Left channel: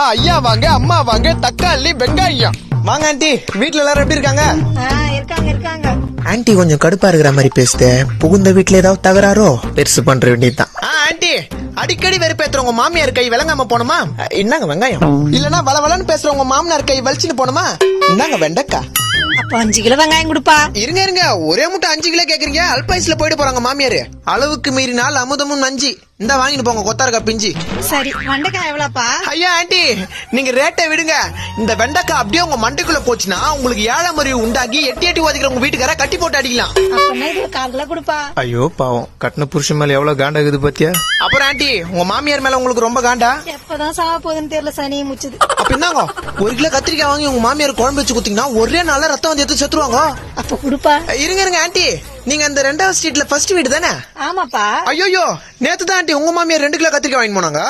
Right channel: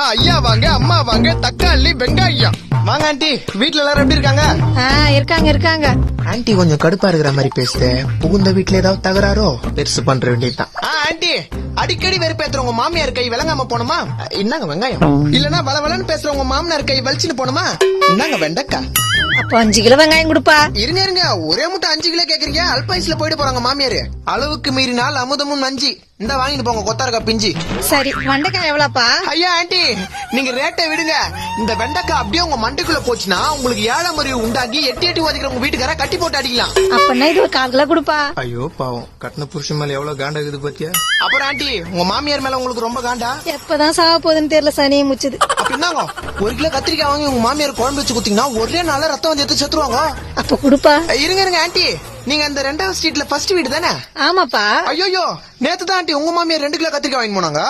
ஐயா வாங்க, அம்மா வாங்க, தக்காளி வெங்காயம் வாங்க. ஆண்டி வீட்டுல எல்லாரும் எப்படி இருக்காங்க? இருக்காங்க. ஆன்ட்டி கொஞ்சம் கடுப்பா இருக்கிற மாதிரி பேசுத. புகுந்த வீட்டுல ஏதாவது தகராறோ பெருசு பண்ற வேண்டியதுதான். ஆண்டி அடிக்கடி வெறுப்பேத்துறவங்க மாமியார் கை விளங்காம போனோமா? இன்னாங்க வெங்காயம். இல்லன்னா வளவளன்னு பேசுறவங்க மாமனார் கை வலிச்சுன்னு போனோமா? இன்னாங்க வெண்டைக்கா. அப்ப 5 கிலோ வெங்காயம் கொடுப்பா. இருங்க ஒரே முட்டை 5 கிலோ கேக்குறீங்க? அல்பாயுஸ்ல போயிட்டு போறாங்க மாமியாரு. அளவுக்கு மீறினால் அமுதமும் நஞ்சு. இந்த வாங்கிட்டு போங்க கொத்தாரக்கா பிஞ்சி. சரி, வெண்டைக்காய் எவ்வளவுப்பா? ஐயா ஆண்டி நீங்க ரேட்டை விடுங்க. இந்த வெண்டைக்காய் அப்படியே உங்க மண்டைக்குள்ள போச்சுன்னா உங்களுக்கு ஏழாம் அறிவு உண்டாக்கி எட்டி ஓதிக்கிற உங்க வீட்டுக்கார கட்டி போட்டு அடிக்கலாம். அப்ப இது 1/4 கிலோ கொடுப்பா. ஐயோ பாவம், கட்டின புருஷன் மேல எவ்வளவு காண்டா இருக்குது பாத்தியா? அப்புறம் ஆண்டி உங்க மாமியார் மேல உங்களுக்கு ரொம்ப காண்டா? எப்பதான் சாக போகுதுன்னு தெரியல, சனியை முச்சுது. அப்படின்னாங்க 1 கிலோ கத்திரிக்காய் வாங்கி உங்க மாமியார் குழம்பு வச்சு குடுத்தீங்கன்னா ஒரே நாள ரத்தம் வந்து எடுத்து செத்துருவாங்க. அப்ப கொடுப்பா. இருங்க ஆண்டி, நீங்க அந்த 2வது ஸ்ட்ரீட்ல ஃபர்ஸ்ட் வீடு தானே? ஆமாப்பா. ஐயோ நேத்து தான் ஆண்டி உங்க மாமியார் 2 கிலோ கத்திரிக்காய் வாங்கி போனாங்க.